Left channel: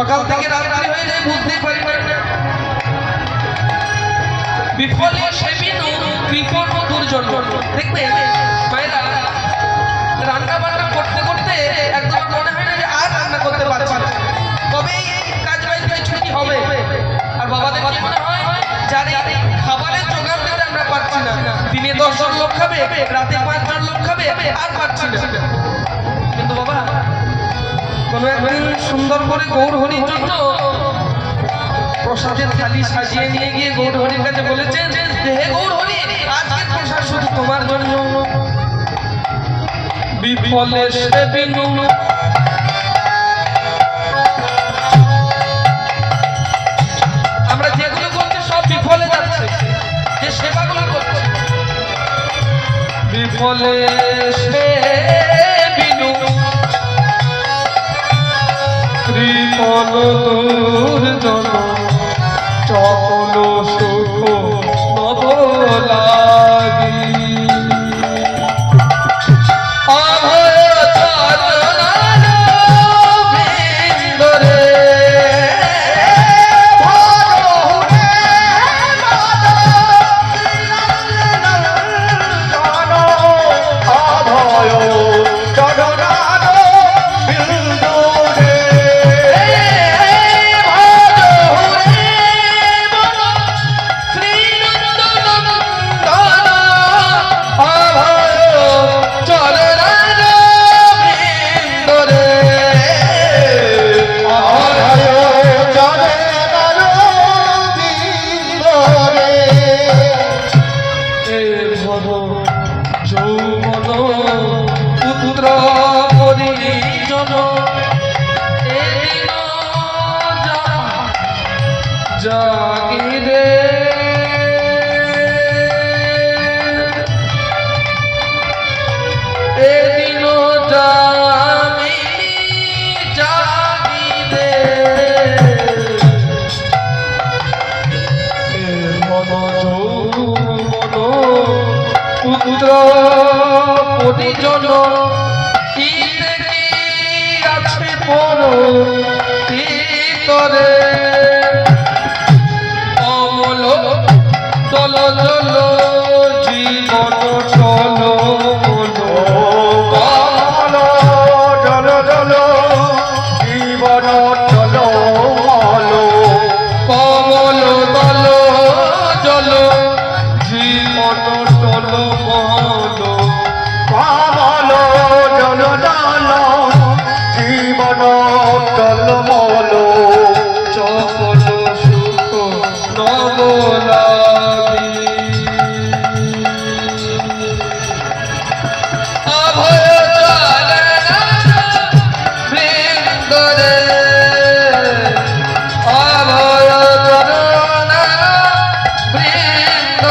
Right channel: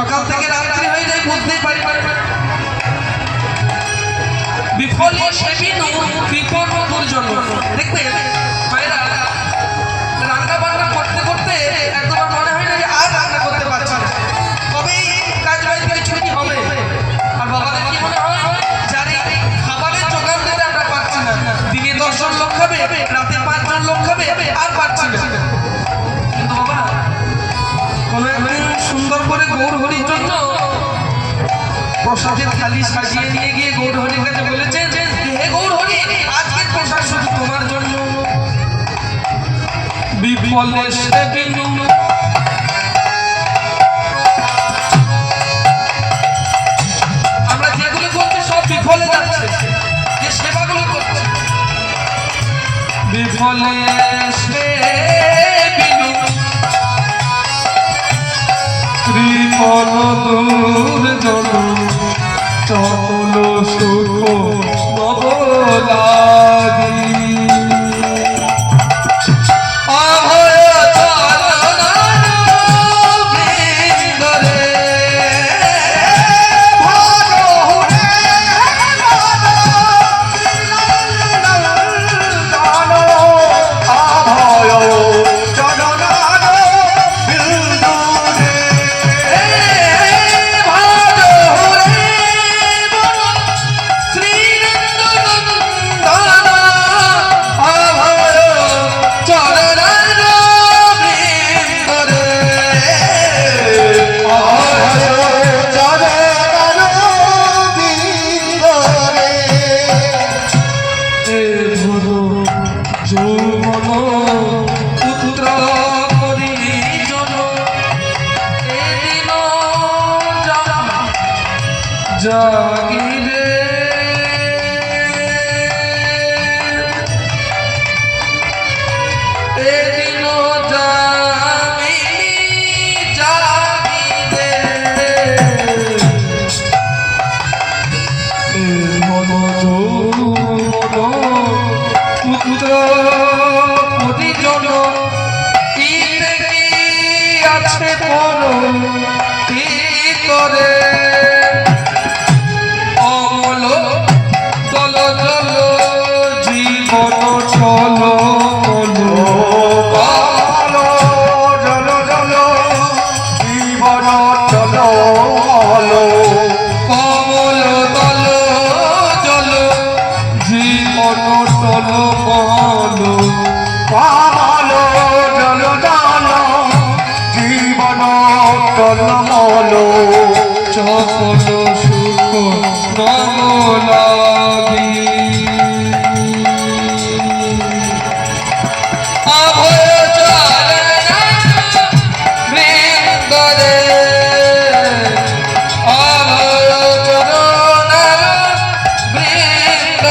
সকাল থেকে রাত্রি হয়ে যায় বুঝতে পারি বিফলে সেবিনু বিপদ দুর্জন দেখবে ভাইরা রান্না বান্না করতে করতে একদম মনে হয় না যে আর রান্না করতে পারছি না তবে কাজ বাড়িতে কিছু কি হবে আর বাবাদের কি মনে হয় যারে খাবারের জোগাড় দিতে আমরা পারছি না দিনে 10 জন লোক খাবে রাতে 5 জন লোক খাবে আর পারছি না কিন্তু বাবা কোনো একদিন সুন্দর করে গৌর হরির জন্য প্রসাদের থালি সাজিয়ে নিয়ে গিয়ে গৌর হরির কাছে বলেছেন হে গৌর হরি আজকে প্রসাদ শুধু তোমার জন্য বিফলে সেবিনু আমরা যেগুলো করছি সব বিফলে যাচ্ছে যে সেবাগুলো করছি বিফলে সেবিনু ত্রিপল দুর্জন চল সুখ নবলাগি জাগিরে এদিন জামিনী জাগিরে পুত্র পরিজন আছে তোর ভিতরে জীবন টলমল